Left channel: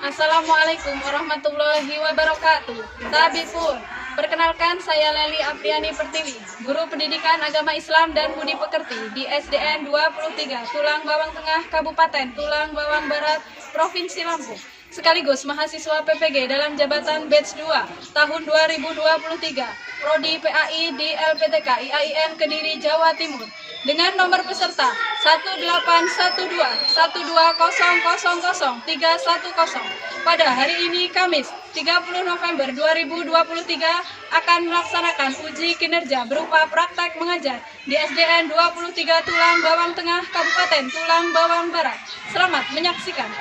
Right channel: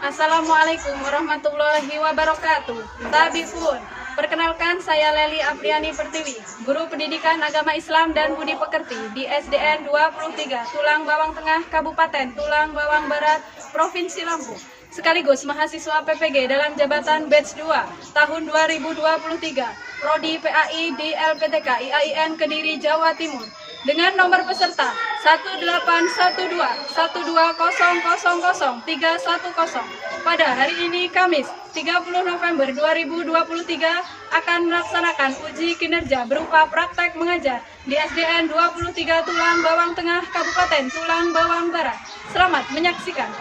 Assalamualaikum warahmatullahi wabarakatuh. Tabipun, perkenalkan saya Leli Apriani Pertiwi, Guru Pendidikan Agama Islam dan Budi Pekerti di SDN 23 Tulang Bawang Tengah, Kabupaten Tulang Bawang Barat, Provinsi Lampung. Sekaligus mahasiswa PPG dalam jabatan Batch 2 tahun 2023, Prodi PAI di LPTK IAIN Kediri, Jawa Timur. Dengan nomor peserta 1812120000310 pada hari ini Kamis 30 November 2023 akan melaksanakan uji kinerja berupa praktek mengajar di SDN 23 Tulang Bawang Tengah Kabupaten Tulang Bawang Barat. Selamat menyaksikan.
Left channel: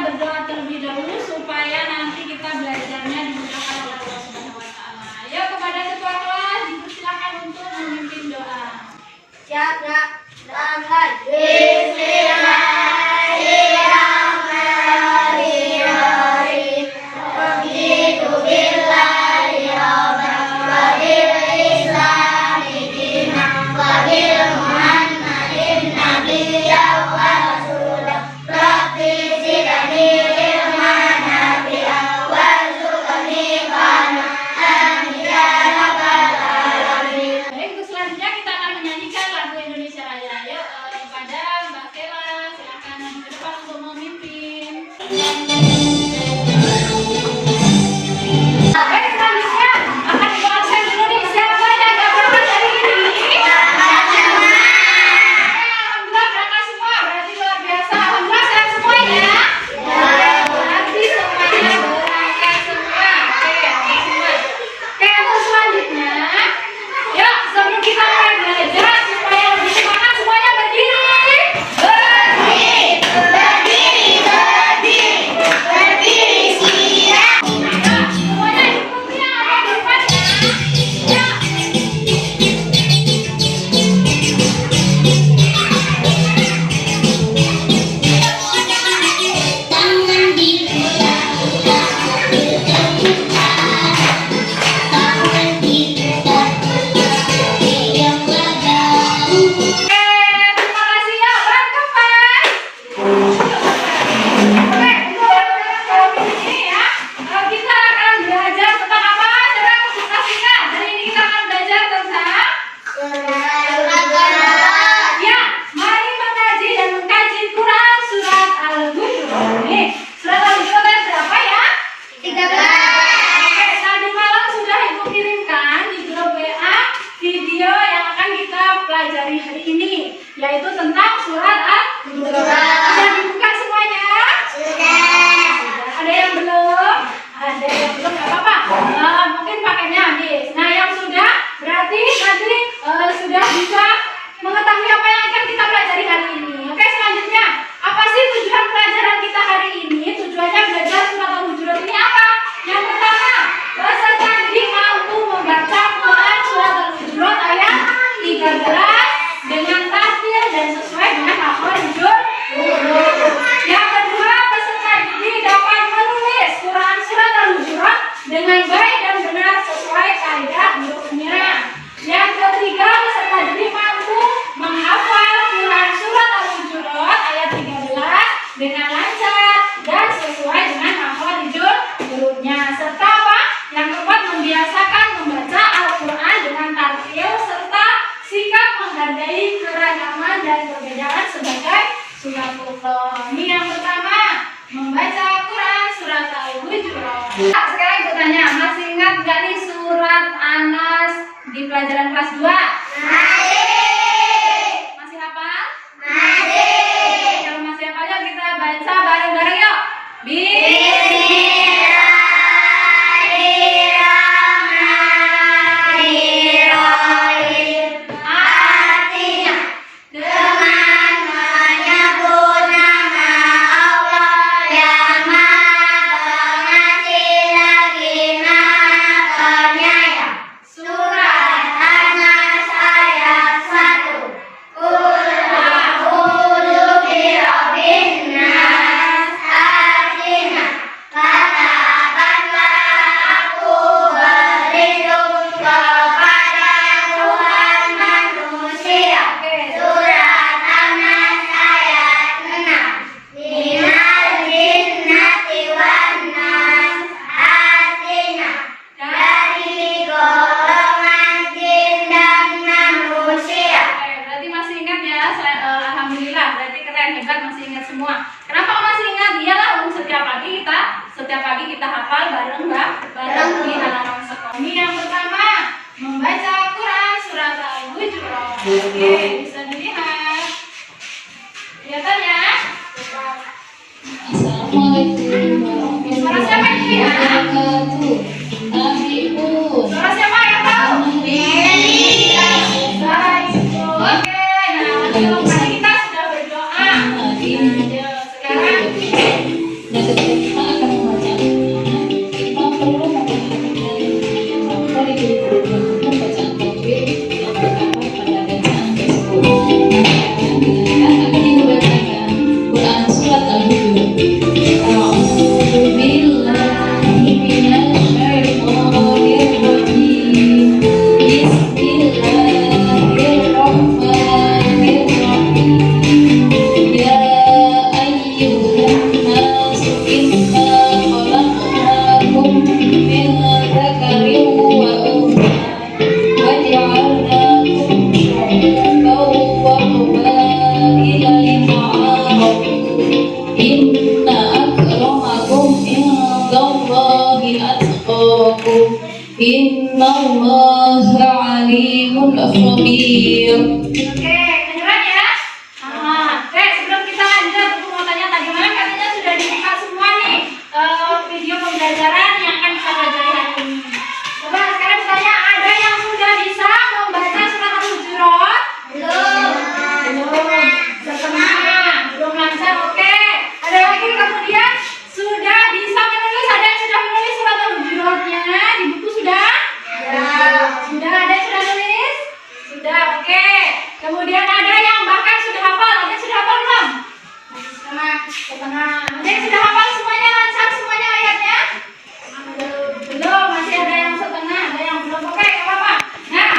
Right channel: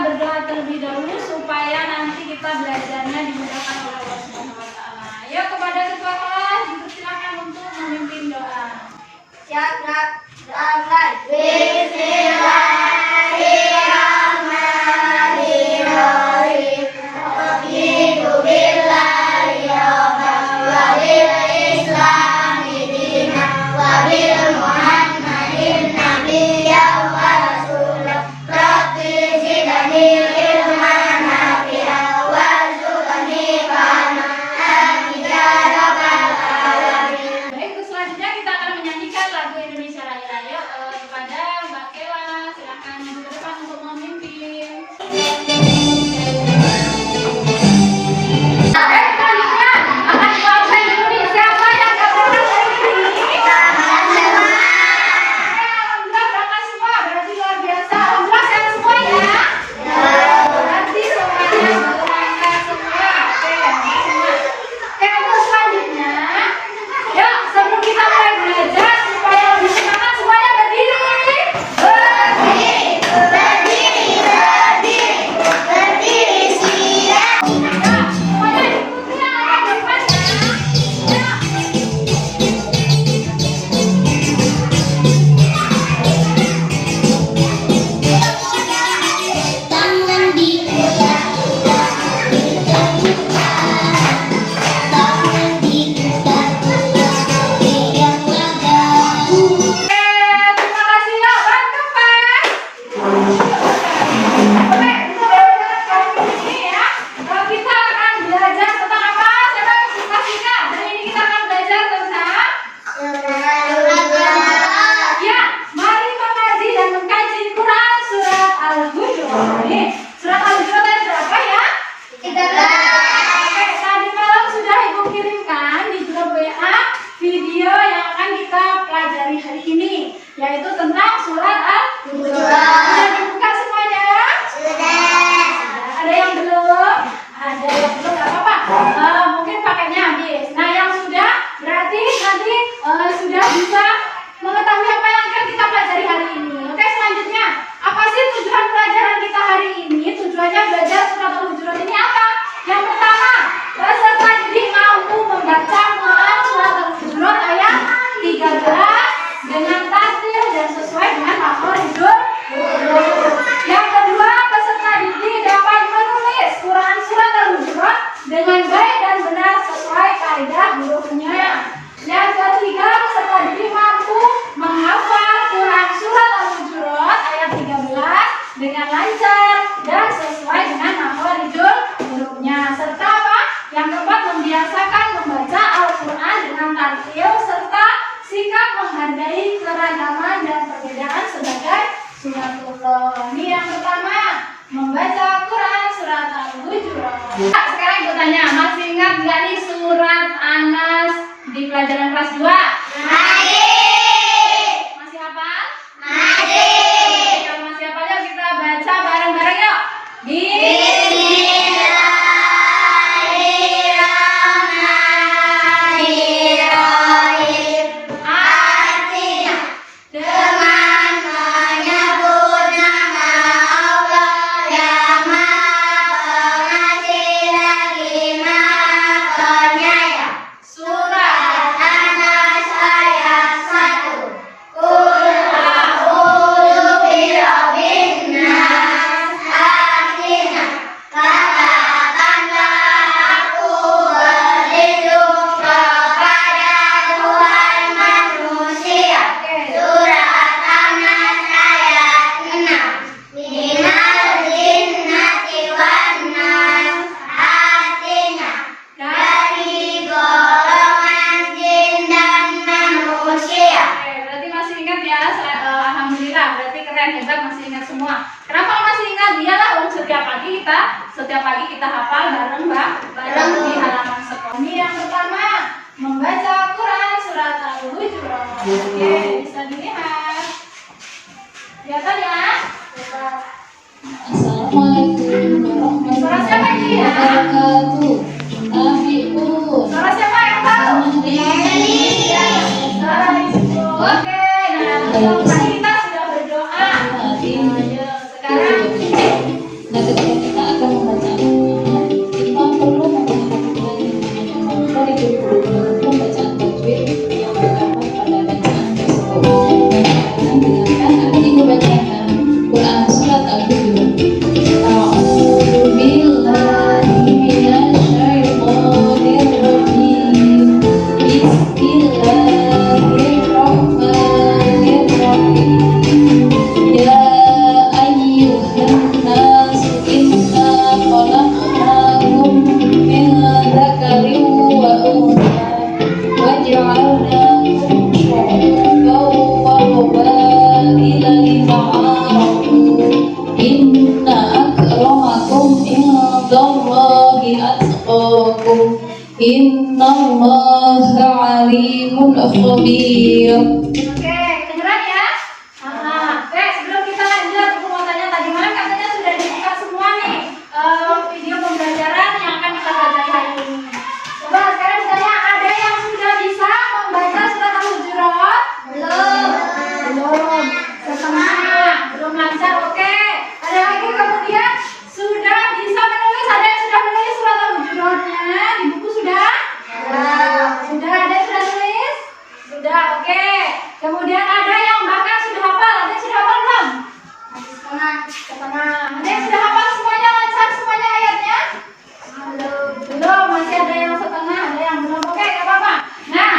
Berdoa terlebih dahulu supaya nanti kita belajarnya dimudahkan oleh Allah Subhanahu wa taala. Ayo kepada ketua kelas dipersilakan untuk memimpin doa. Siap, Nak. Bismillahirrahmanirrahim. Raditu billahi rabban wa bil islami dinan wa bil muhammadin nabiyyan wa rasulan. Rabbi zidni ilman nafi'an warzuqni fahman. Amin ya rabbal alamin. Baik, untuk selanjutnya kita akan menyanyikan lagu Indonesia Raya. Yuk, kepada Mbak Kela, silakan maju ke depan untuk memimpin. Baik, selanjutnya akan dibacakan dulu nih siapa yang dapat hari ini. Alhamdulillah berangkat semua, berarti luar biasa. Alhamdulillah sehat semua ya. Berarti semuanya berangkat semua. Oke, semua. Oke, untuk selanjutnya, yuk sebelum kita mulai belajar supaya lebih semangat semuanya berdiri. Berdiri siap. Ya, semuanya ikuti yang ada di depannya. Ya. Tangan dipegang, tangan dipegang, yang badan. Oke, terima kasih ya, teman-teman. Oke, untuk ini ya, kita akan belajar tentang apa? Coba kasihkan. Hari ini kita akan belajar tentang ya, mari mengkaji dan mengkaji Quran surat Al-Hujurat. Nih, surat Al-Hujurat ayat berapa ya? 13. Tadi malam sudah Ibu kirimkan di grup WA video yang akan kita pelajari hari ini, yaitu tentang surat Al-Hujurat. Sudah dibuka semuanya? Sudah. Ada yang belum? Ada yang belum, nggak apa-apa. Mungkin paketnya habis. Nah, yang sudah berarti nanti sudah bisa mengetahui apa yang akan kita pelajari hari ini. Oke, selanjutnya apa sih tujuan pelajaran kita hari ini? Tujuannya belajar surat Al-Hujurat ini apa? Yang pertama, peserta didik mampu membaca Quran surat Al-Hujurat ayat 13 dengan tartil dan sesuai dengan makhrajul huruf. Yang kedua, peserta didik dapat menulis Quran surat Al-Hujurat dengan baik dan benar sesuai kaidah hurufnya. Yang ketiga, peserta didik mampu menghafal Quran surat Al-Hujurat ayat 13 dengan lancar dan sesuai dengan makhrajul hurufnya. Serta apa? Yang keempat, membiasakan membaca Al-Quran dengan tartil serta sikap menghargai keragaman dan perbedaan sebagai suratullah. Ini yang pertama, membaca Quran surat Al-Hujurat. Sekarang bertanya, masih ingat nggak nih surat Anas di pelajaran kelas 2? Masih. Masih hafal? Masih. masih ingat semua. Kenapa masih ingat? Iyalah, setiap pagi kita hafal bareng di halaman sekolah. Ini yang pertama, membaca Quran surat Al-Hujurat. Oke, bisa dilihat. Kelihatan ya? Assalamualaikum warahmatullahi wabarakatuh. Suara siapa yang tahu? Suara Ibu. Oke, nah tadi kita sudah berdoa. Ayo, sekarang Nah, ketika kita akan membaca kita perlu memperhatikan dari pembacaan tajwid yang terdapat pada bacaan tersebut. Nah, dengarkan akan Ibu bacakan Quran surat Al-Hujurat. A'udzu billahi minasyaitonir rajim. Bismillahirrahmanirrahim. Ya ayyuhan nas inna khalaqnakum min dzakarin wa untha wa ja'alnakum syu'uban wa qabaila lita'arafu. Inna akramakum indallahi atqakum. Innallaha alimun khabir. Oke, kedengeran ya? Oke, sebelum kita lanjut, aku mau tanya tadi malam katanya sudah dibuka semua nih video pembelajaran yang akan kita pelajari hari ini. Coba sekarang saya ada yang sudah bisa membaca surat Al-Hujurat? Belum. Setengah. Belum lancar. Oke. Ada lagi kemudian sudah bisa menulis. Ada yang sudah menulis surat Al-Hujuratnya di buku sudah? Sudah. Ada yang sudah nulis? Sudah. Oke. Kemudian ada yang bahkan sudah hafal. Ada yang sudah hafal belum? Masih setengah. Ada yang sudah hafal semuanya, lancar semuanya ayatnya? Belum. Masih ada yang setengah, ada yang belum. Oke, nggak apa-apa. Nah,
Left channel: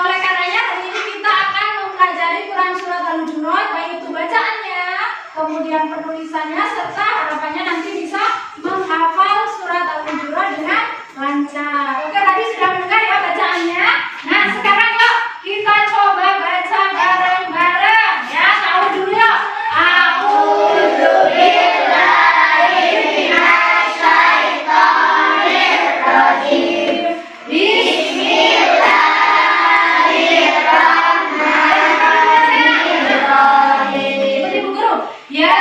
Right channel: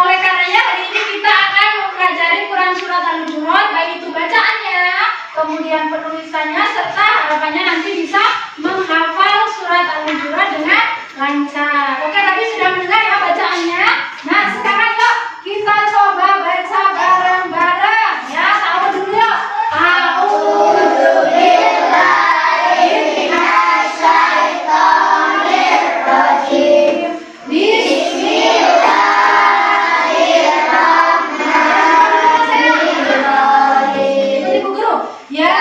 oleh karenanya hari ini kita akan mempelajari Quran surat Al-Hujurat, baik itu bacaannya, kemudian penulisannya, serta harapannya nanti bisa menghafal surat Al-Hujurat dengan lancar. Oke, tadi sudah mendengar ya bacaannya. Nah, sekarang yuk kita coba baca bareng-bareng ya. Tahu dulu yuk. A'udzu billahi minasyaitonir rajim. Bismillahirrahmanirrahim. Ikuti Bu Guru. Ya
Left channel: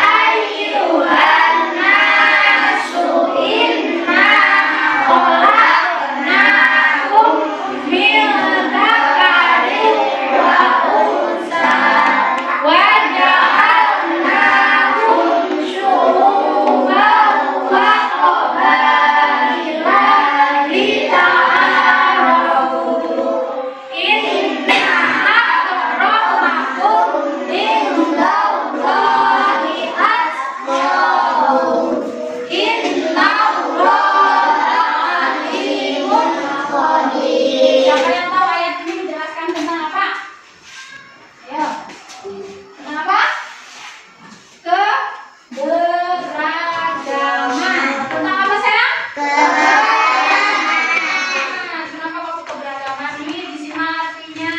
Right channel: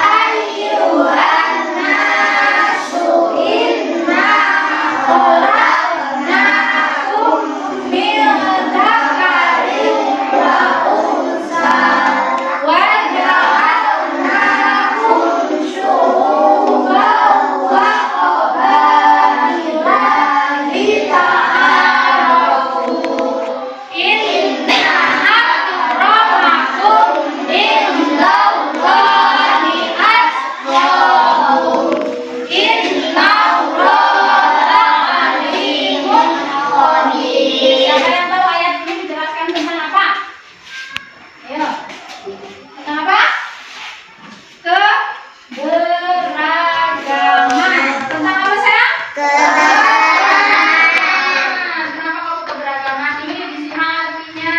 ayyuhan nasu inna khalaqnakum min dzakarin wa untha wa ja'alnakum syu'uban wa qabaila lita'arafu. Inna akramakum indallahi atqakum. Innallaha alimun khabir. Siapa yang tahu ayat ini menjelaskan tentang apa? Ayo. Tentang apa? Keberagaman. Tentang apa sayang? Kenapa kamu keberagaman? Ini disimak artinya.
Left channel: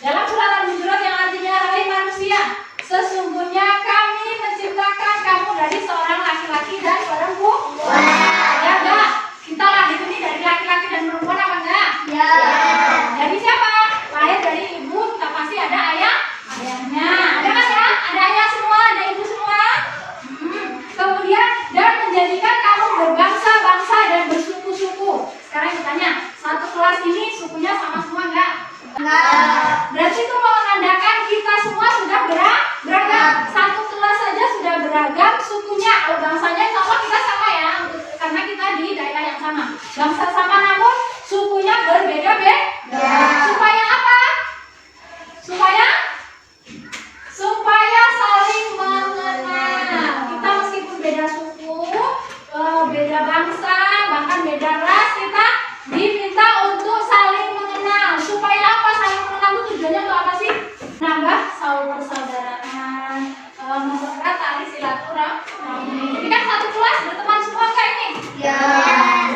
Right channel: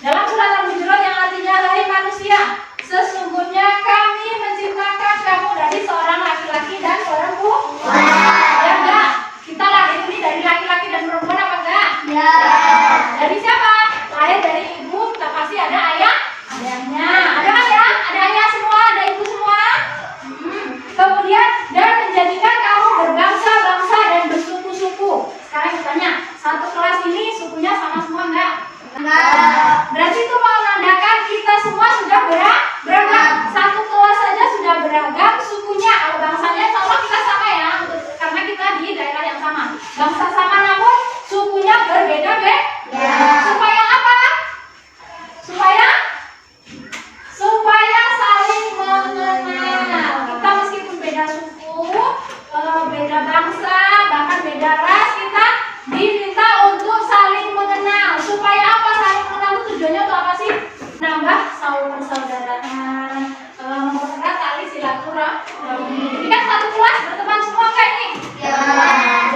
Dalam surat Al-Hujurat yang artinya, hai manusia, sesungguhnya kami menciptakan kamu dari seorang laki-laki dan seorang perempuan. Ya enggak? Kita lahir ini dari laki-laki dan perempuan apa enggak? Ya. Dari siapa? Lahir dari ibu, tak pasti ada ayahnya. Ada kan ya? Ada ayah semua, ada ibu semua. Kemudian dan menjadikan kamu berbangsa-bangsa dan bersuku-suku. Sekarang ditanya, satu kelas ini sukunya sama semua enggak? Berarti itu menandakan kita semua sudah beragam. Satu kelas saja sudah beragam sukunya. Kalau bangsanya insya Allah kita sama ya, karena kita di daerah yang sama. Bangsa sama namun sukunya berbeda-beda. Supaya apa? Supaya saling mengenal. Kita meskipun beda suku, beda bangsa, bahkan beda ras, kita diminta untuk saling mengenal. Supaya apa? Saling mengenal itu tujuannya untuk apa sih? Nambah saling persaudaraan, mempererat tali silaturahmi. Jadi kan satu kelas berteman semua kayak ini. Ya.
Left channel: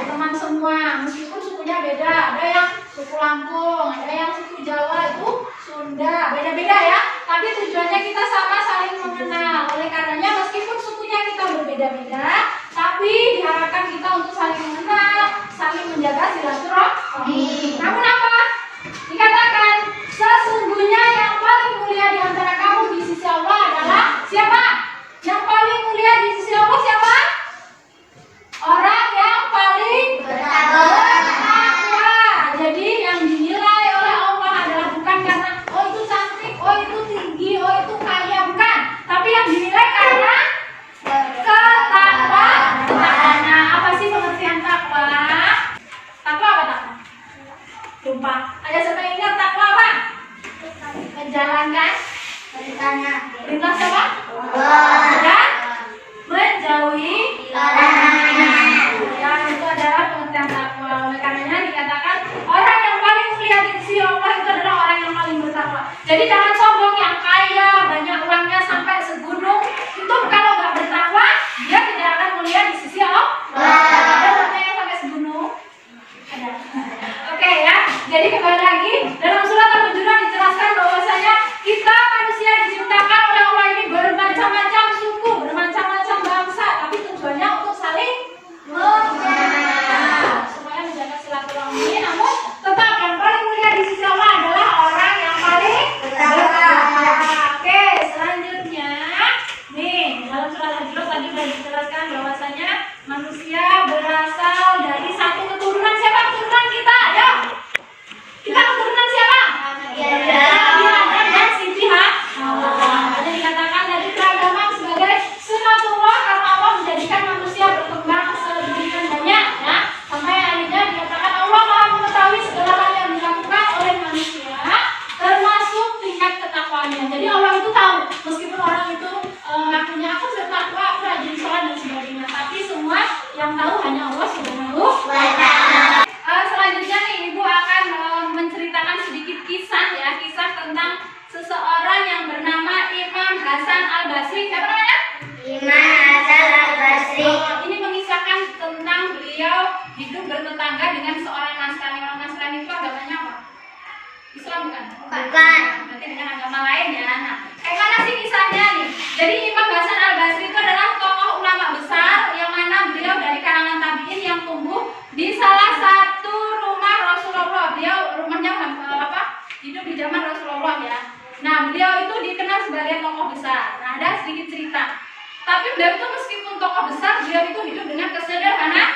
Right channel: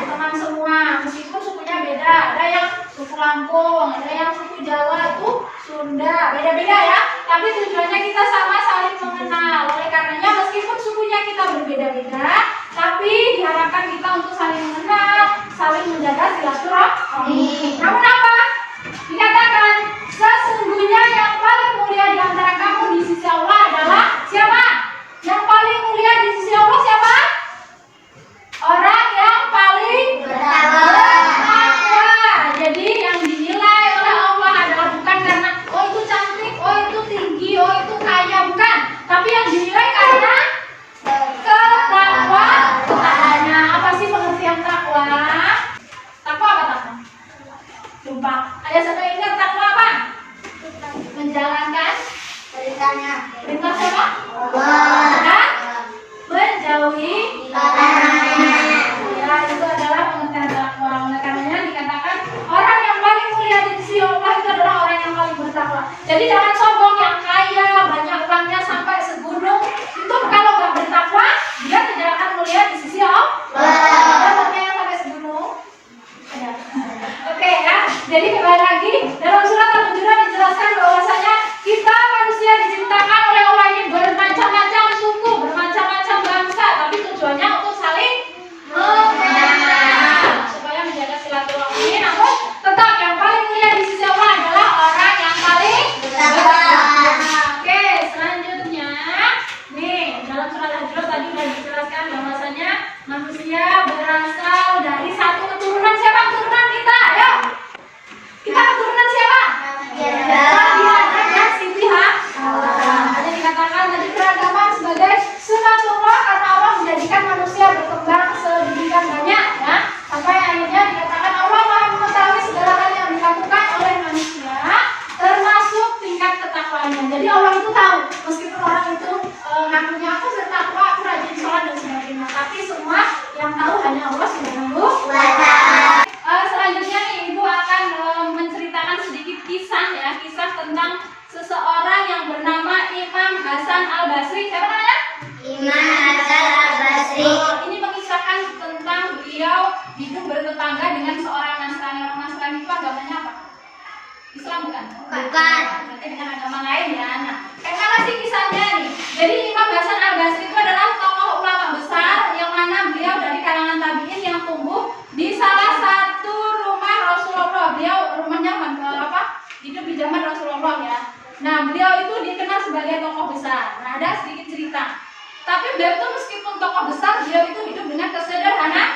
Berteman semua, meskipun sukunya beda. Ada yang suku Lampung, ada yang suku Jawa itu Sunda, beda-beda ya. tapi tujuannya kita sama, saling mengenal. Oleh karenanya meskipun sukunya kita berbeda-beda, tapi diharapkan kita untuk saling mengenal, saling menjaga silaturahmi. Namun apa? Dikatakan sesungguhnya yang paling mulia di antara kamu di sisi Allah adalah siapa? Yang paling mulia di sisi Allah siapa? Orang yang paling bertakwa. Jadi yang dinilai oleh Allah adalah bukan karena oh itu cantik, oh itu tinggi, oh itu kaya, bukan. Tapi yang dinilai karena ketakwaan. Nah, apa sih pengertian takwa? Takwa apa takwa? Jumpa. Ada satu ingat takwa apa? Menjalankan perintah siapa? Dan menjauhi ya, itu adalah pengertian takwa. Oleh karenanya dikatakan orang yang paling mulia di sisi Allah itu adalah orang yang paling bertakwa. Jadi jangan sombong yang kaya, banyak uangnya sampai segunung. Itu kalau nggak bertakwa, dia tidak akan mulia di sisi Allah. Ada uangnya yang sampai segunung? Ada. Oke ya. Jadi kembali lagi dalam surat Al-Hujurat dijelaskan bahwasanya kita manusia diciptakan oleh Allah ini bermacam-macam suku, bermacam-macam bangsa, tapi tujuannya untuk saling mengenal supaya menjaga silaturahmi. Namun tetap yang paling mulia di sisi Allah adalah orang yang paling bertakwa. Oke, selanjutnya nih dalam surat Al-Hujurat tadi sudah dijelaskan bahwasanya manusia berasal dari satu keturunan. Siapa keturunan kita? Ayo. Kita keturunan siapa? Nabi Adam dan Siti Hawa. Ada dikatakan dari keragaman sebagai sunatullah karena Allah menjadikan manusia berkembang sedemikian banyak ya. Sampai akhirnya dikatakan Allah Maha mengetahui segala hal yang dilakukan oleh manusia termasuk tingkat ketakwaannya. Jadi Allah itu tahu meskipun orang itu ngakunya aku bertakwa, aku rajin sholat dan sebagainya, tapi semua yang tahu hanya Allah Subhanahu wa Ta'ala. Selanjutnya nih Ibu akan menceritakan sedikit kisah ya, kisah tentang seseorang yang bernama Imam Hasan Al-Basri. Siapa namanya? Ini mengisahkan tentang beliau hidup bertetangga dengan seorang Nasrani. Orang Nasrani itu agamanya apa? Islam bukan? Bukan. Berarti dengan agama lain ya. Nah, kayak mana sih kisahnya nih? Jadi Imam Hasan Al-Basri itu adalah tokoh ulama besar yang mana beliau dari kalangan tabi'in yang tumbuh di salah satu rumah Rasulullah. Beliau rumahnya hidup di zaman Rasulullah ya. Nah, beliau itu dikenal sebagai tokoh besar. Nah, ada sedikit cerita. Tapi beliau itu meskipun tokoh besar, beliau itu hidup dengan kesederhanaan.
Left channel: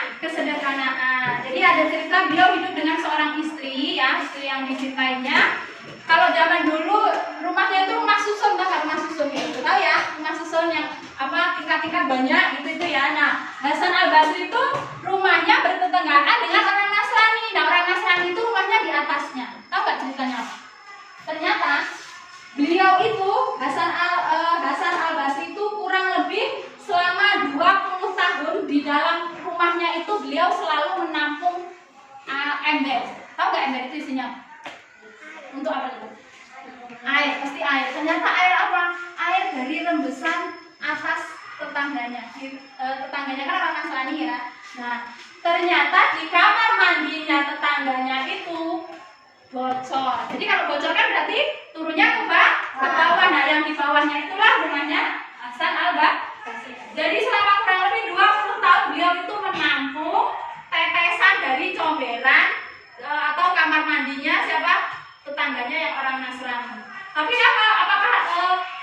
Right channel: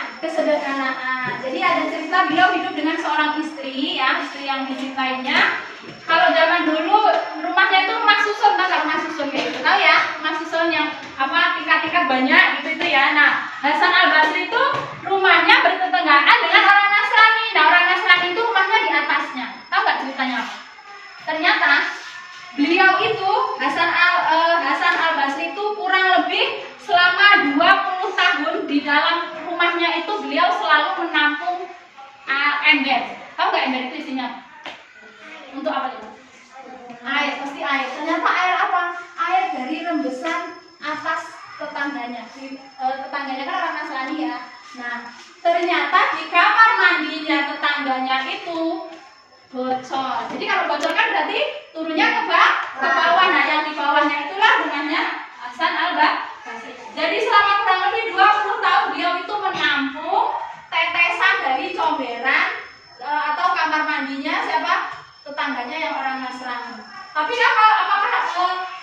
Jadi ada cerita beliau hidup dengan seorang istri ya, istri yang dicintainya. Kalau zaman dulu rumahnya itu rumah susun, tahu nggak rumah susun kayak gitu? Tahu ya, rumah susun yang tingkat-tingkat banyak gitu ya. Nah, Hasan Al-Basri itu rumahnya bertetanggaan dengan orang Nasrani. Nah, orang Nasrani itu rumahnya di atasnya. Tahu nggak ceritanya apa? Ternyata beliau itu Hasan Al-Basri itu kurang lebih selama 20 tahun di dalam rumahnya itu beliau selalu menampung ember. Tahu nggak ember itu isinya? Untuk apa coba? Air, pasti air. Ternyata air apa? Air dari rembesan atas tetangganya. Tetangganya kan orang Nasrani ya. Nah, ternyata di kamar mandinya tetangganya itu bocor. Jadi kalau bocor kan berarti turunnya ke bawah. Nah, yang di bawahnya itulah rumahnya Hasan Al-Basri. Jadi selama kurang lebih 20 tahun beliau itu menampung tetesan dari comberan atau kamar mandinya siapa? Tetangganya yang orang Nasrani. Tapi apakah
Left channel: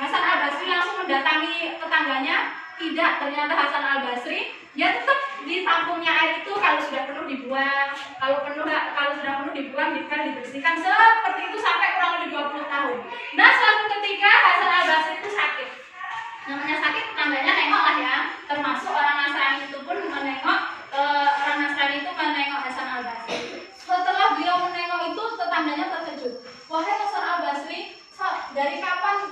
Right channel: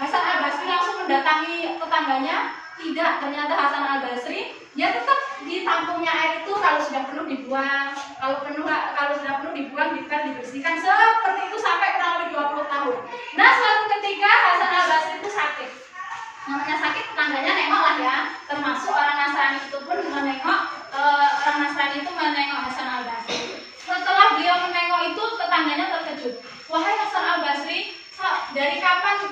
Hasan Al-Basri langsung mendatangi tetangganya? Tidak. Ternyata Hasan Al-Basri dia tetap di tampungnya air itu kalau sudah penuh dibuang, kalau sudah penuh dibuang, dibersihkan seperti itu sampai kurang lebih 20 tahun. Nah, suatu ketika Hasan Al-Basri itu sakit. Namanya sakit, tetangganya nengok lah ya. Termasuk orang Nasrani itu pun menengok, orang Nasrani itu menengok Hasan Al-Basri. Setelah beliau menengok itu, tetangganya terkejut. Wahai Hasan Al-Basri, dari kapan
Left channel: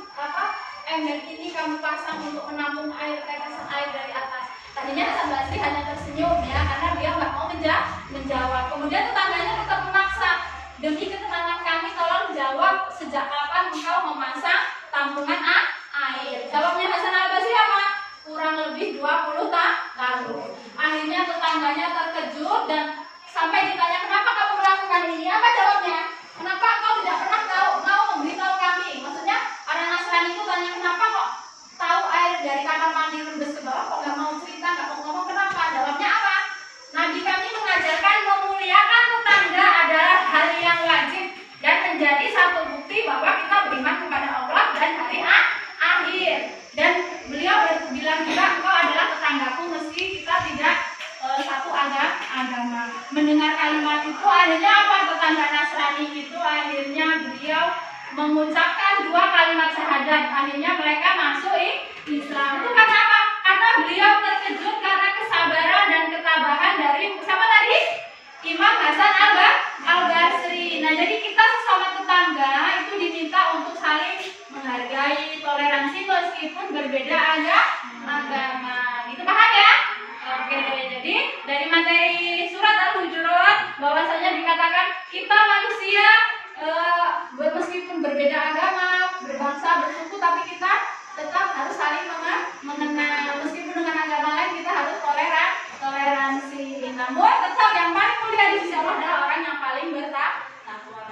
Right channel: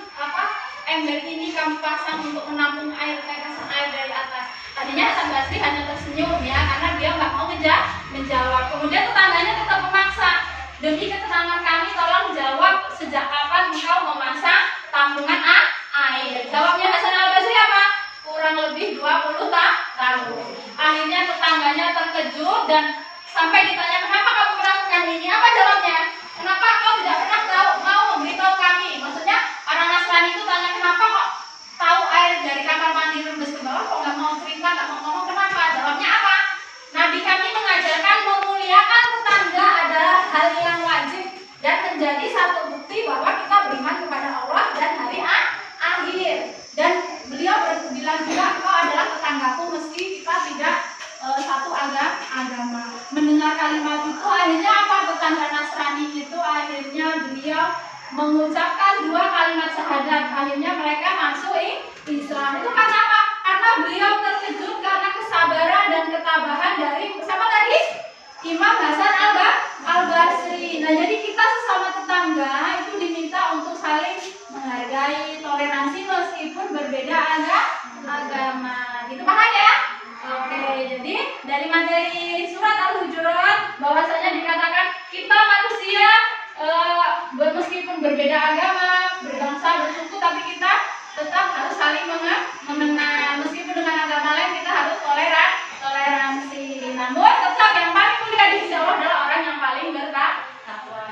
ember ini kamu pasang untuk menampung tetesan air dari atas? Tadinya Hasan Basri hanya tersenyum ya, karena dia nggak mau menjawab. Kemudian tetangganya tetap memaksa. Demi ketenangan kami, tolong jawab sejak kapan engkau memasang tampungan air? Jawabnya Hasan Al-Basri apa? Kurang lebih 20 tahun. Akhirnya tetangganya terkejut dan sampai ditanya, kenapa kamu melakukan ini? Apa jawabnya? Kenapa kau tidak pernah mau memberitahu kami? Maksudnya orang Nasrani mengucapkan 2 kalimat syahadat. Akhirnya mereka masuk Islam. Itu karena apa? Karena beliau terkejut karena kesabaran dan ketabahan dari siapa tadi? Imam Hasan Al-Basri. Nah, jadi kita sesama tetangga itu diminta untuk saling menghargai, toleransi meskipun berbeda agama. Gitu paham ya? Oke, jadi dari materi surat Al-Hujurat bahwasanya dikatakan kita manusia meskipun berbeda agama, berbangsa, bersuku, tapi kita tetap harus saling mengenal. Meskipun dengan agama lain kita harus toleransi. Namun tetap yang paling mulia di sisi Allah adalah orang yang paling bertakwa.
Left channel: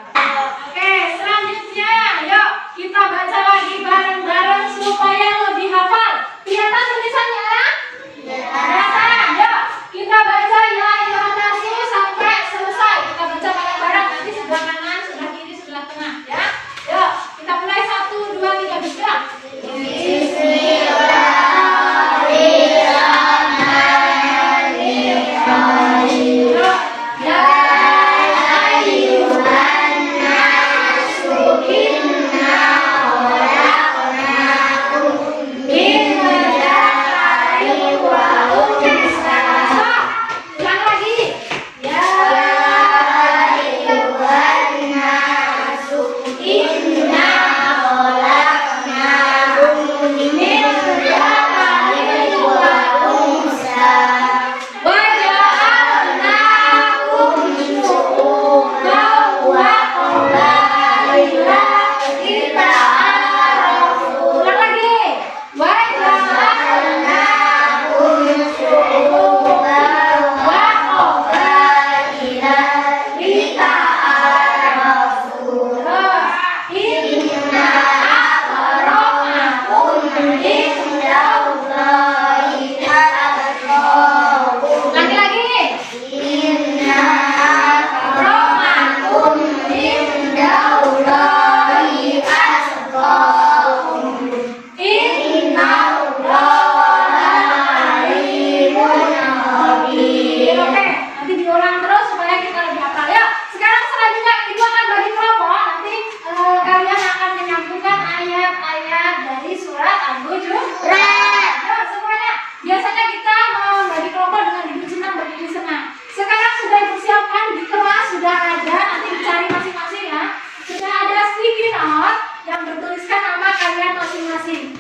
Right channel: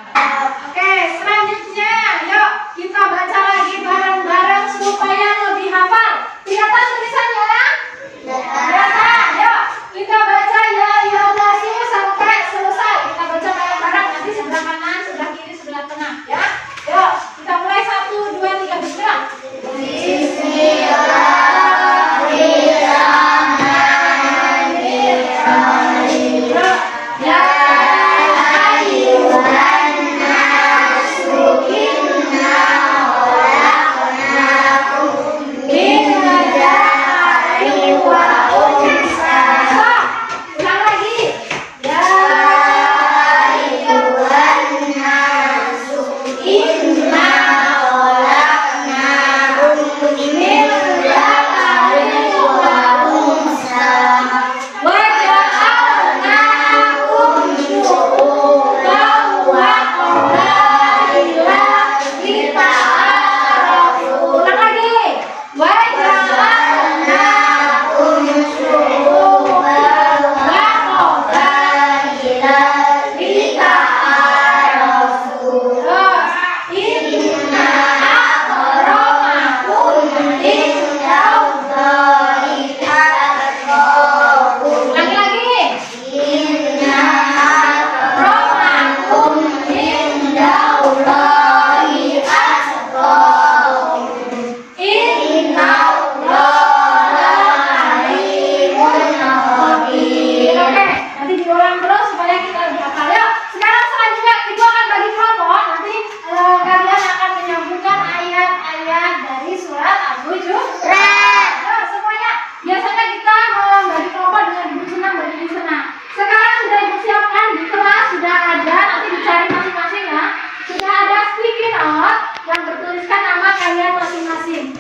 Oke, selanjutnya yuk kita baca lagi bareng-bareng supaya lebih hafal. Lihat tulisannya ya? Kelihatan. Yuk kita baca ya ayyuhan nasu sampai selesai. Kita baca bareng-bareng, nanti sebelah kanan, sebelah kiri, sebelah tengah ya. Yuk kita mulai 1, 2, 3 bismillah.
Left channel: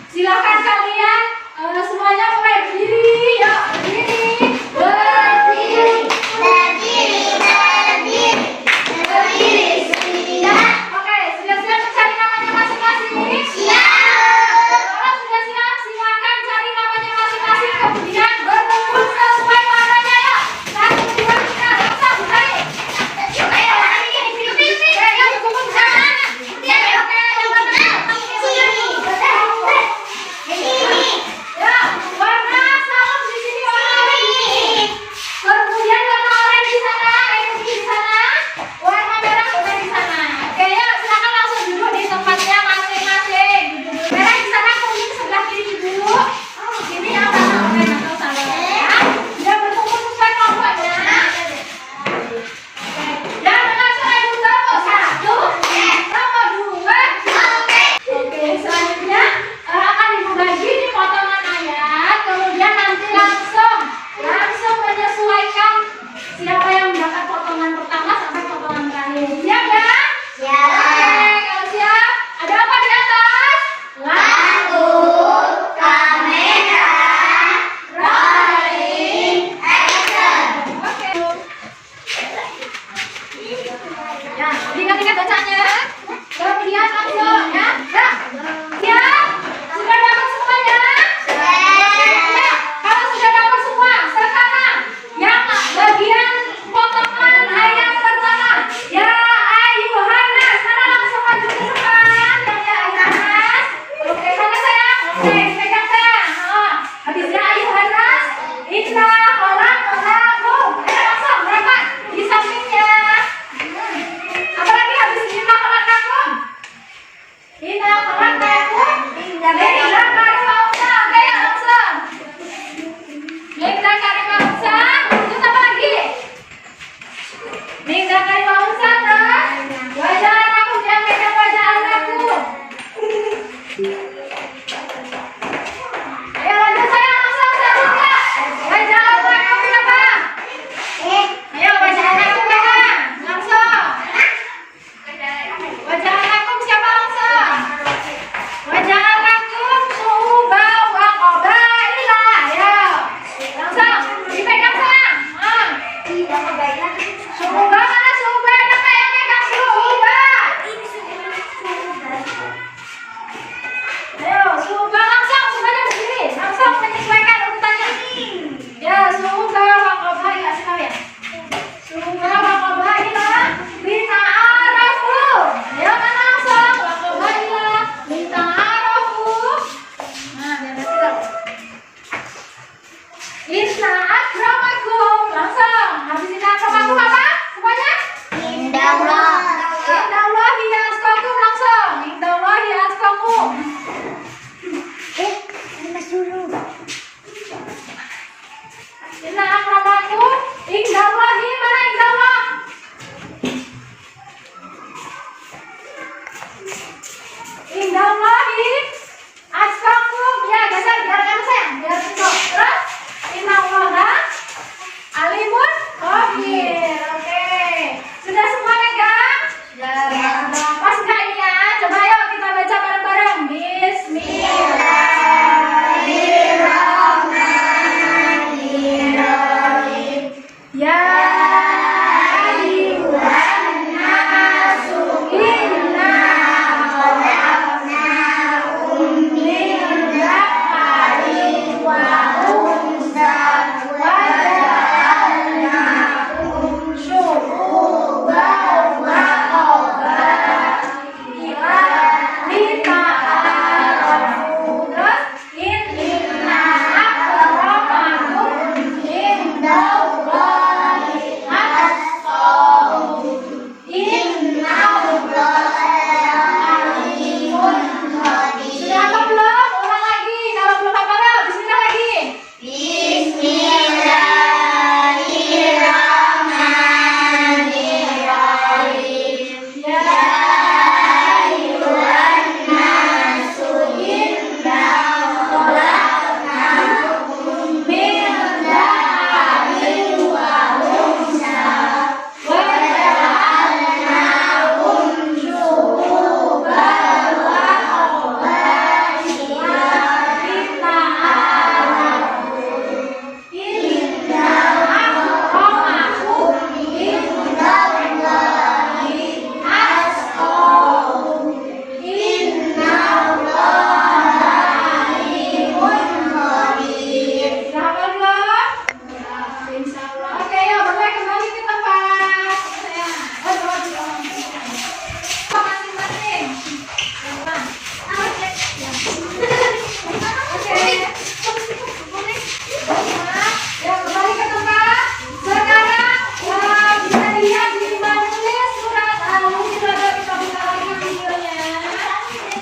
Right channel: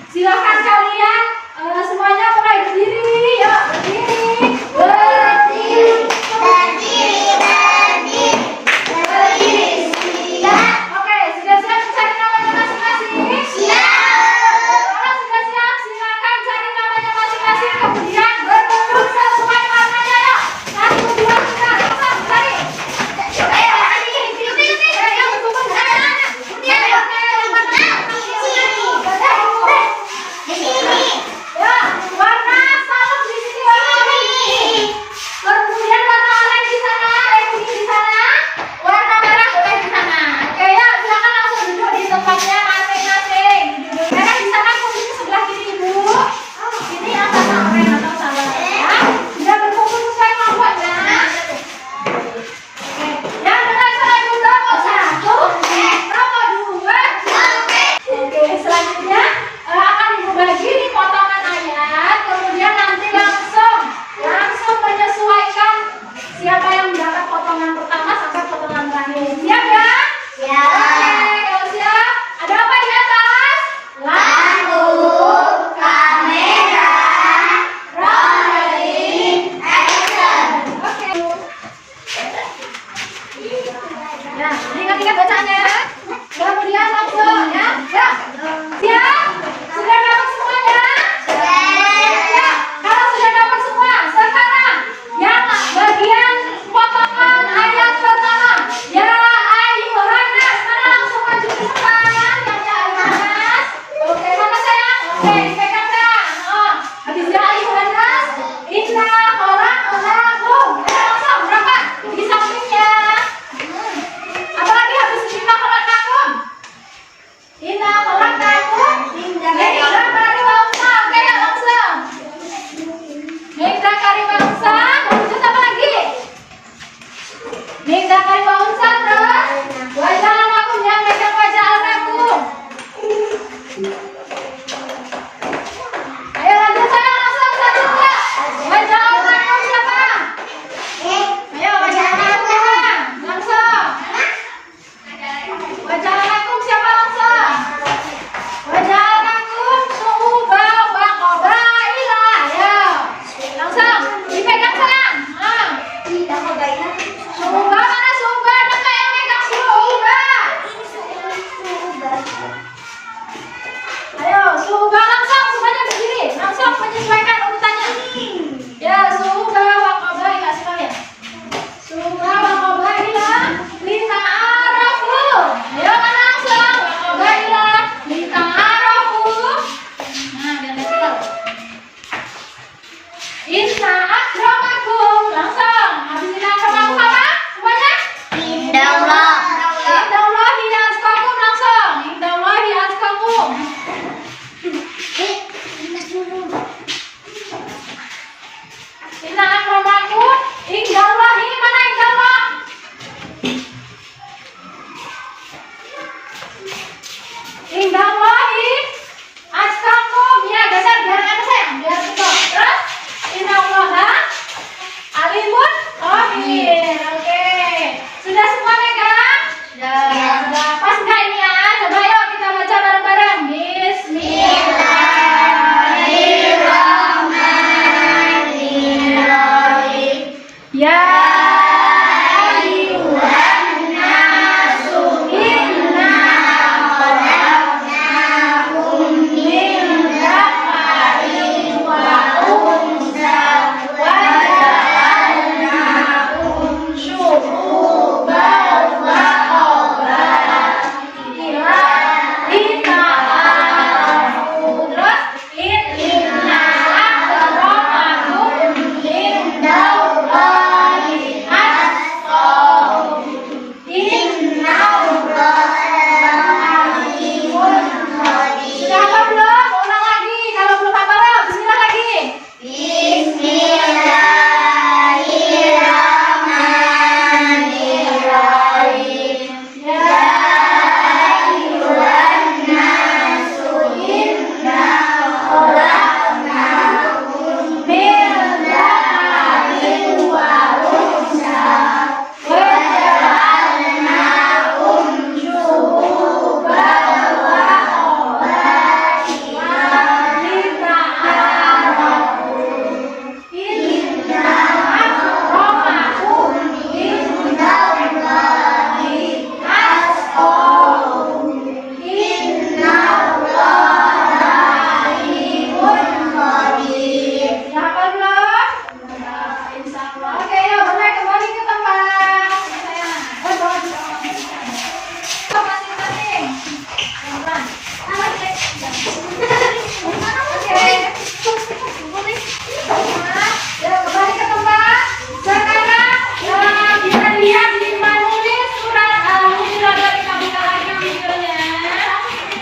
Silakan kalian semuanya mulai berdiri, yuk berdiri, Oke, sudah siap mencari namanya masing-masing? Kalau sudah siap, silakan cari namanya masing-masing, kemudian berbentuk sesuai warnanya ya. 1, 2, 3, kita cari. Yang berkumpul di sana. Ya, warna salep di sini warna oranye. Kemudian warna oranye di sana, kuning di sana, warna merah juga di sana. Oke ya, silakan langsung duduk di tempatnya masing-masing. Duduk merah di sana, kuning sebelah kiri ibu. Ini yang warna oranye atau salep. Ya, sudah berkumpul sesuai kelompoknya. Oke, dan dengan cara ibu nomor 1, nomor 2. Oke, selanjutnya akan ibu bagi di potongan ayat, kemudian nanti langsung menyesuaikan siapa yang mendapat potongan pertama sampai potongan terakhir. Siap ya? Oke, kalau siap, ada apa di atas? Lampu, kamera, rolling, action. Oke. Ya, ingat-ingat bacanya. Kemudian langsung ya. Ya. Siap? Sudah dapat semuanya? Ya. Kalau sudah dapat semua, sekarang yang bagian potongan ayat pertama. Ya ayyuhan nas. Mana langsung maju ke depan. Ya ayyuhan nas. Oke, mana sayang? Oke, dipegang sayang. Habis ya ayyuhan nas. Inna khalaqnakum. Langsung berapa? Di sampingnya. Apalagi habis inna khalaqnakum. Inna khalaqnakum Indallahi atqakum langsung. Indallahi atqakum. Inna akramakum indallahi mana indallah? Indallahi atqakum. Ya, geser biar kan sayang, biar betul. Terus innallaha alimun khabir. Oke. Sudah semua megang? Sudah. Pas enggak ini ya? Coba yuk kita baca bareng-bareng. Bismillahirrahmanirrahim. Ya ayyuhan nasu inna khalaqnakum min dzakarin wa unsa wa ja'alnakum syu'uban wa qabaila lita'arafu. Terus inna akramakum indallahi atqakum. Sudah hafal belum? Ulang lagi. Kalau belum hafal, ayo bismillah lagi. Bismillahirrahmanirrahim. Ya ayyuhan nasu inna khalaqnakum min dzakarin wa unsa wa ja'alnakum syu'uban wa qabaila lita'arafu. Inna akramakum indallahi atqakum. Innallaha alimun khabir. Sudah hafal belum? Insyaallah. Oke, yuk mulai kembali ke tempat. Masing-masing. Oke. Ya, kembali ke tempat. Sekarang bisa dilihat di menulis surat Al-Hujurat. Kita buka lagi videonya.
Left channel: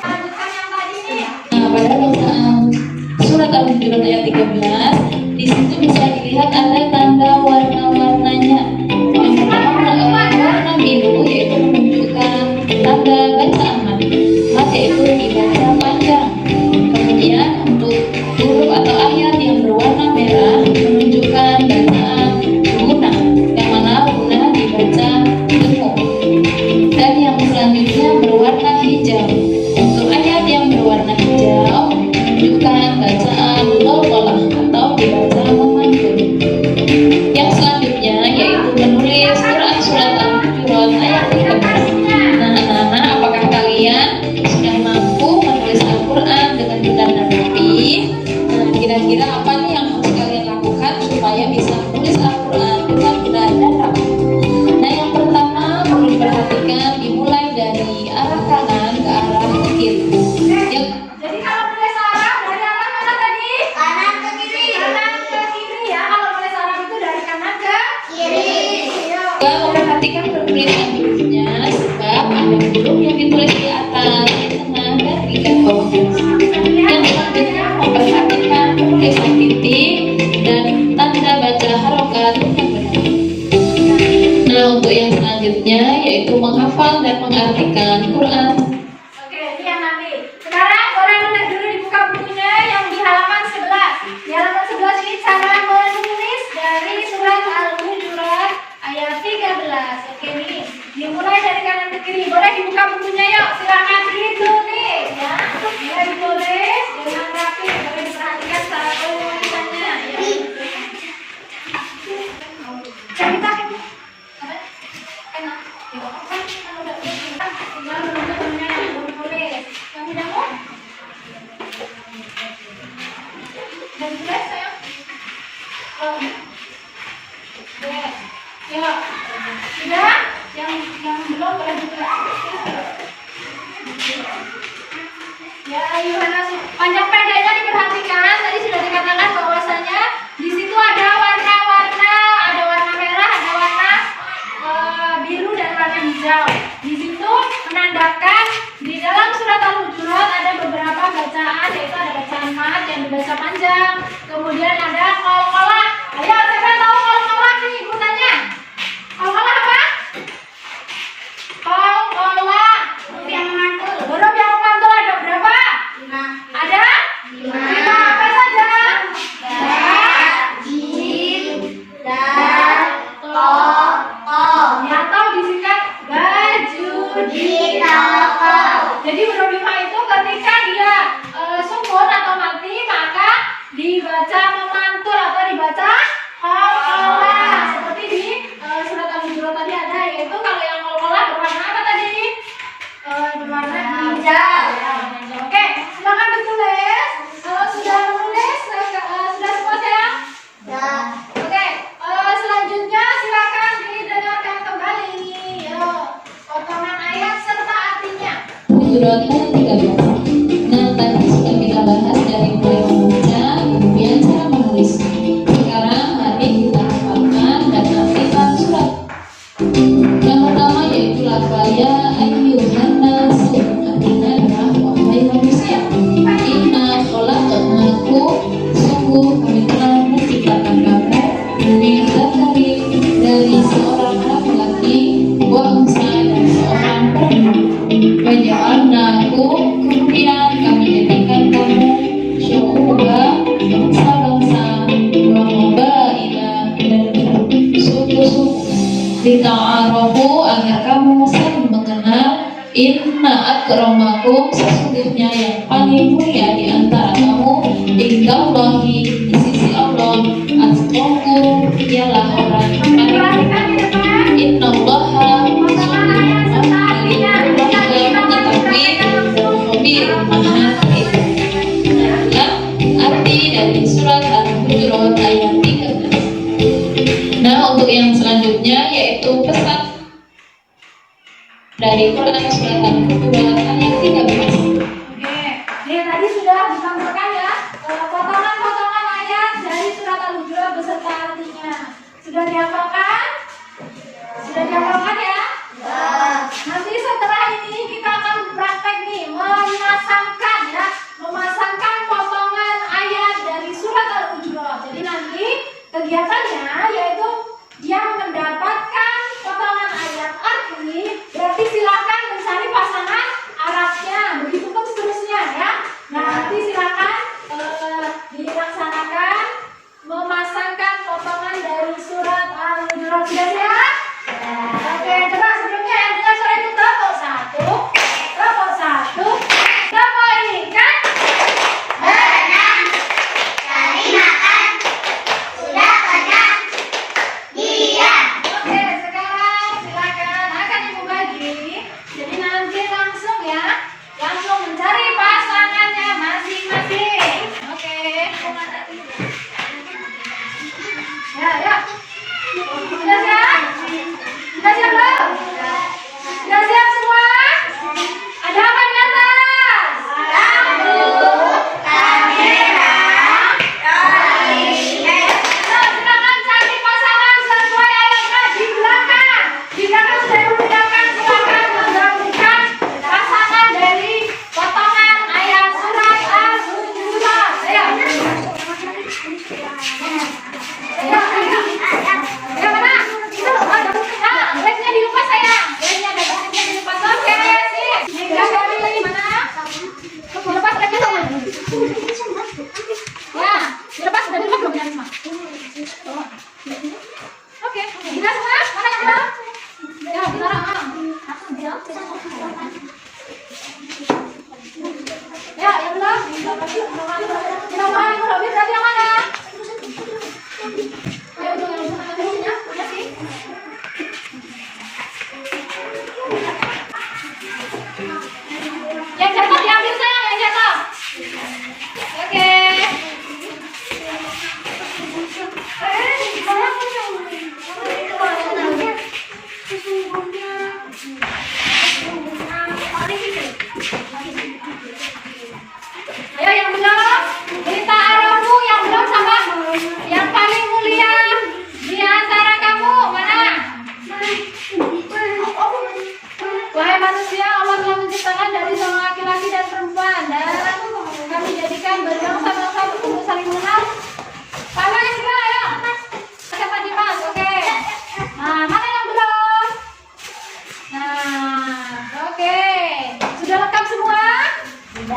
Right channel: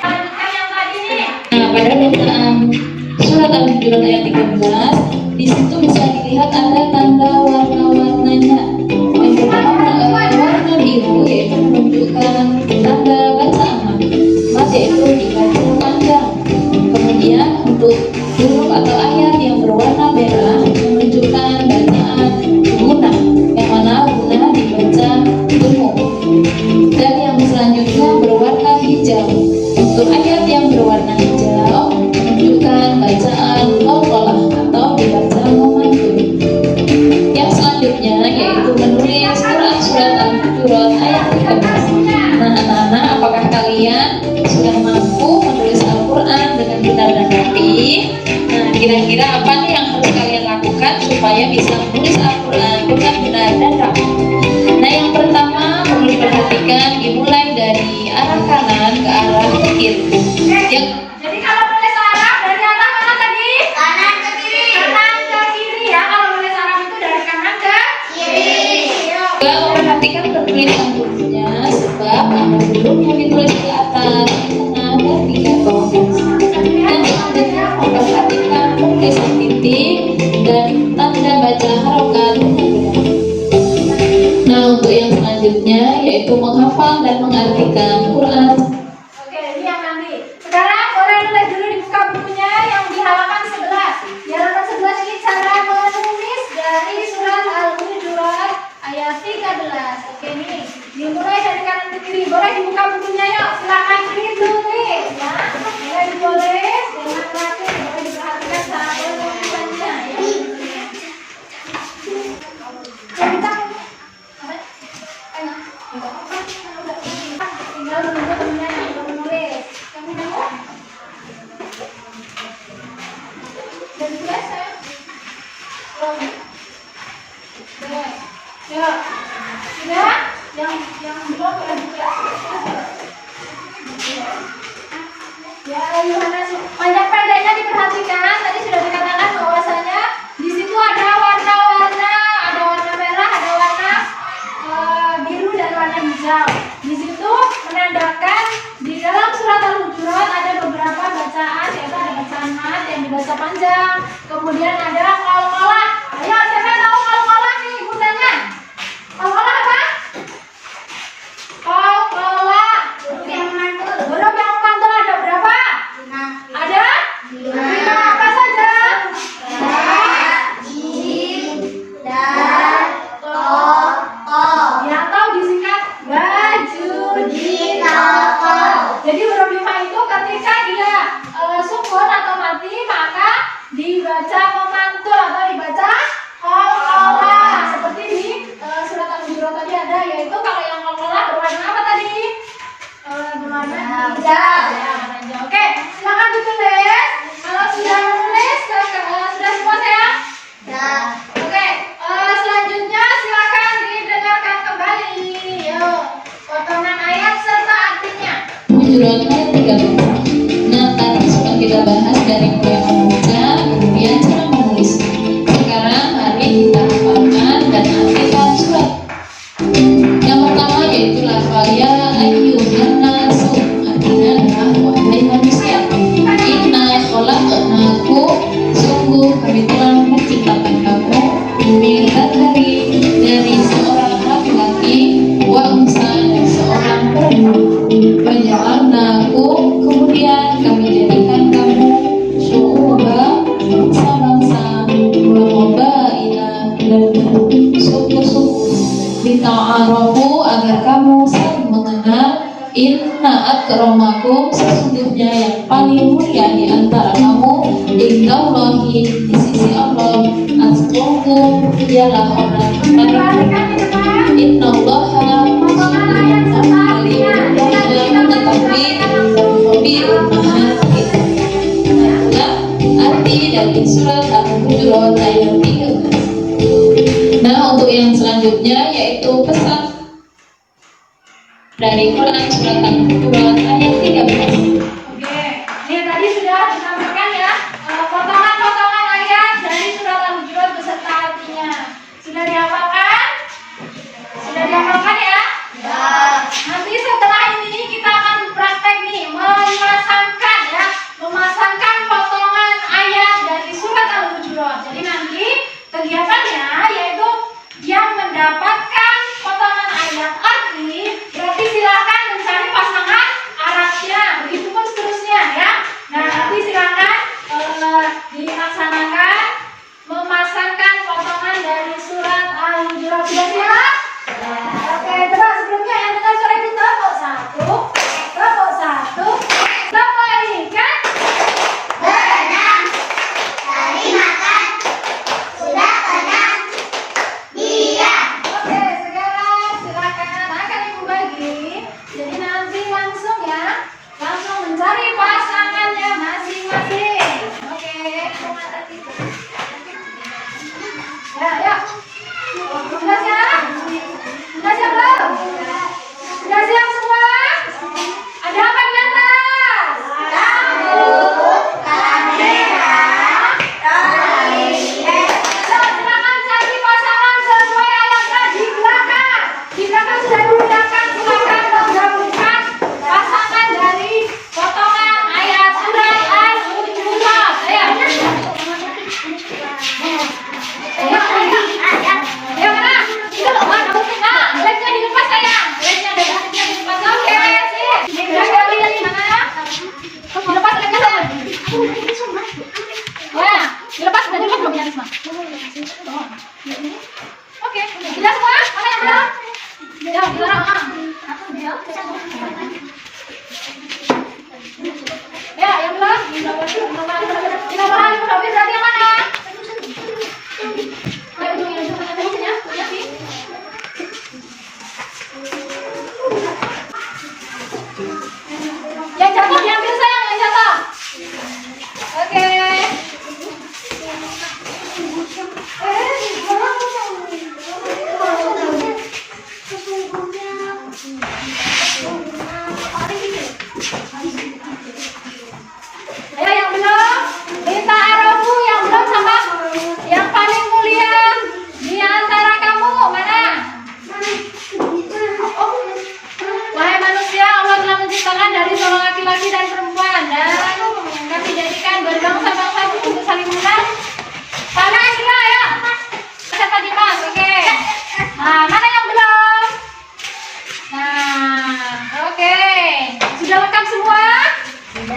Lanjutkan yang tadi nih. Nah, pada bacaan surat Al-Hujurat ayat 13, di situ bisa dilihat ada tanda warna-warnanya. Yang pertama warna biru, yaitu menunjukkan tanda bacaan mat, yaitu dibaca panjang. Kemudian untuk huruf atau ayat yang berwarna merah menunjukkan bacaan guna, yang mana guna dibaca dungu. Dan yang selanjutnya berwarna hijau. Untuk ayat yang berwarna hijau menunjukkan bacaan qalqalah atau dibaca memantul. Yang selanjutnya yaitu menulis surat Al-Hujurat ayat 13. Nah, anak-anak, apakah kalian sudah mampu menulis Al-Quran dengan benar dan rapi? Nah, kira-kira apa nih yang harus kalian lakukan supaya bisa menulis Al-Quran dengan benar dan rapi? Nah, yang pertama perlu diperhatikan dimulai dari arah kanan ke arah kiri. Yang Jadi kalau nulis Arab dari arah mana tadi? Kanan ke kiri. Kanan ke kiri ya. Kalau nulis Arab itu dari kanan ke Kiri. Yuk. juga memperhatikan penulisan hurufnya, sebab ada huruf yang ditulis di atas, di tengah, dan di bawah. Dan selanjutnya memperhatikan penulisan titik dan tanda baca harokat dengan benar. Nah, untuk yang selanjutnya yaitu menghafal dan mengartikan Quran. Oke, ini yang nanti. Sekarang orang nulis dulu di buka bukunya yang di halaman 11. Di halaman 11 ini cara menulis dari surat Al-Hujurat ayat 13. Oke nih, dimulai dari kanan ke kiri. Boleh dibuka bukunya yuk. Silakan ditulis ya. Boleh ditulis dengan rapi. Boleh diperhatikan saat penulisannya. Cerita. Tinggal menunggu temennya yang belum menulis. Yang punya aku? Dan dia sayang. Oh. Oke. Ya. Sudah? Yang belum boleh buka. Ya ayuhan nasu bahasa panjang. Kemudian ada kol-kola. Ayo, siapa tahu kol-kola nih gunanya? Kol-kola apa? Kol-kola. Yang mantul. Huruf yang memantul ada berapa? 5. Ada? 5. Apa saja? Jim, dan toko. Yang tahu disingkat baju di Toko. Jadi huruf 5 itu ketika dia sukun atau mati maka dibaca memantul atau dibaca kol-kola. Seperti di surat Al-Hujurat tadi ada, yaitu kalau yang kol-kola berwarna apa tadi? Berwarna hijau. Oke, silakan ditulis. Kalau sudah menulis, sudah semua sayang? Ya. Oke, selanjutnya silakan didengarkan kembali. Yuk, potongan ayat serta artinya. Hujurat ayat 13. Nah, tadi sudah kita bahas dari mulai membaca, kemudian cara menulis. Sekarang mari kita hafalkan dan artikan surat. Yang pertama yaitu lafal ya ayyuhan nasu, artinya adalah wahai manusia. Inna khalaqnakum, sungguh kami telah menciptakan kamu min dzakari, dari seorang laki-laki, wa unsa, dan seorang perempuan. Waja'alnakum, kemudian kami jadikan kamu syu'uban, bangsa-bangsa, wa qabaila, dan suku-suku, lita'arafu, agar kamu saling mengenal. Inna akramakum, sesungguhnya yang paling mulia di antara kamu, indallahi, di sisi Allah, atqakum, ialah orang yang paling Perhatikan di depan. innallaha Potongan ayat serta artinya. arti dari surat Al-Hujurat ayat 13. Nah, untuk yang selanjutnya yaitu pesan dari Quran surat Al-Hujurat ayat 13. Oke, ini tadi sudah disampaikan ya potongan-potongan ayat dari surat Al-Hujurat beserta artinya. Sudah dihafalkan? Sudah dihafalkan ya? Ya. Nanti setelah ini kita akan praktek nih memasangkan ya, memasangkan potongan ayat dari surat Al-Hujurat. Jadi nanti kegiatannya yaitu yang mendapatkan potongan ayat arti, berarti silakan mencari pasangan Arabnya, begitupun seterusnya ya. Nah nanti silakan dilaksanakan memasangkan potongan dari surat Al-Hujurat.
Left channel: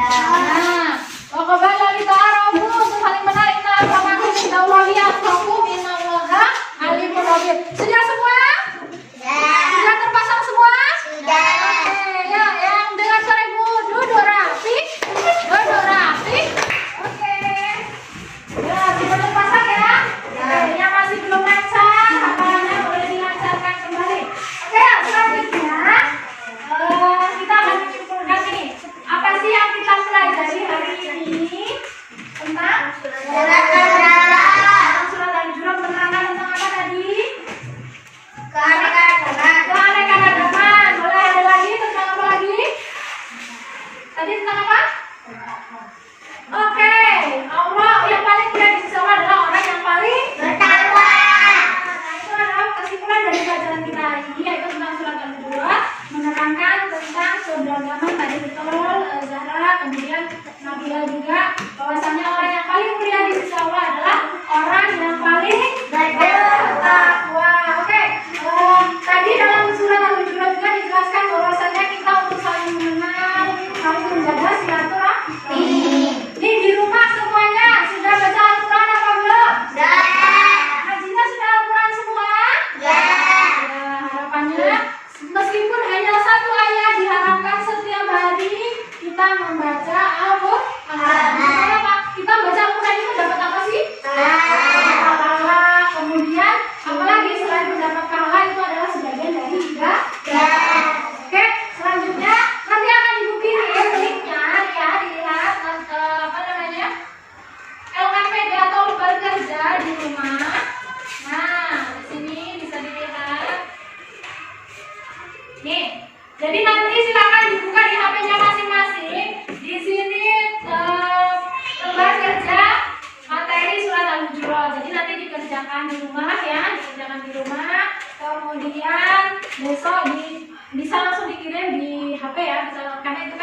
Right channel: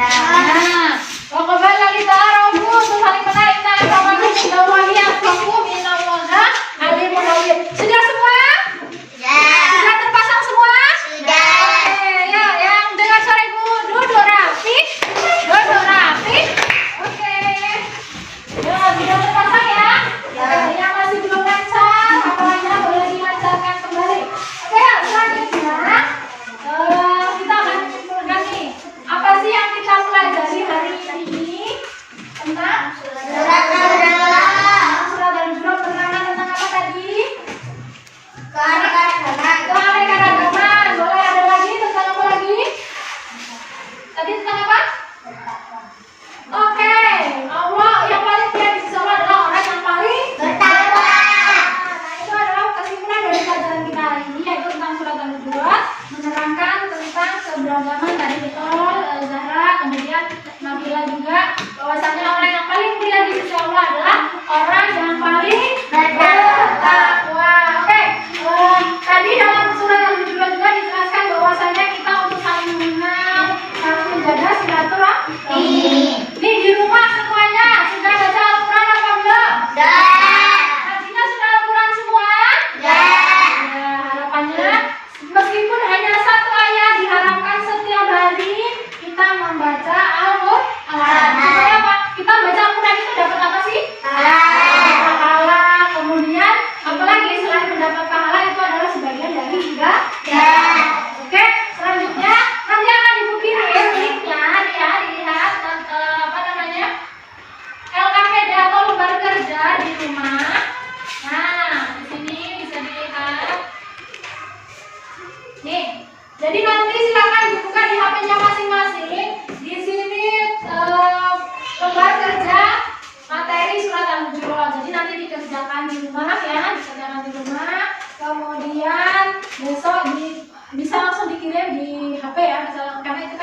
Nah, وقبل لتعارفوا saling mengenal inna akramakum indallahi atqakum innallaha alimun khabir. Sudah semua? Sudah terpasang semua? Oke, ya, yang dengan suara Ibu duduk rapi. Duduk rapi. Oke. Ya, sudah terpasang ya? Yang masih belum lancar, hafalannya boleh dilancarkan kembali. Oke, ya, selanjutnya kita akan menyimpulkan ini. Apa sih yang kita pelajari hari ini tentang surat Al-Hujurat? Penerangan tentang apa tadi? Keanekaragaman. Boleh ada lagi tentang apa lagi? Tadi tentang apa? Oke, Allah yang paling mulia di sisi Allah adalah orang yang paling bertakwa. Nah, itu adalah kesimpulan dari pelajaran kita hari ini, yaitu tentang surat Al-Hujurat, menerangkan tentang keberagaman tadi betul Zahra, kemudian Nabila juga, bahwasannya orang yang paling mulia di sisi Allah adalah orang yang paling bertakwa. Oke, tadi dalam surat Al-Hujurat juga dijelaskan bahwasannya kita untuk saling mengenal, saling menjaga silaturahmi. Nih di rumah semuanya sudah baca Al-Quran apa belum? Hajinya sudah Al-Quran semua? Ya, harapannya meskipun hanya satu ayat diharapkan setiap hari kita membaca Al-Quran. Supaya apa? Kita baca Al-Quran itu dapat apa sih? Pahala. Kemudian apalagi selain mendapat pahala itu adalah sebagian dari ibadah. Oke, selanjutnya nanti akan Ibu kirim linknya ya, dilihat apa namanya LKPD atau lembar kerja di rumah. Nah, di sini bisa dilihat. Nih, jadi nanti silakan dibuka di HP-nya masing-masing. Di sini lembar kerja materi surat Al-Hujurat. Jadi nanti dikerjakan di rumah ya, dikerjakan di rumah. Kemudian besok bisa langsung dikirim di HP ya, karena itu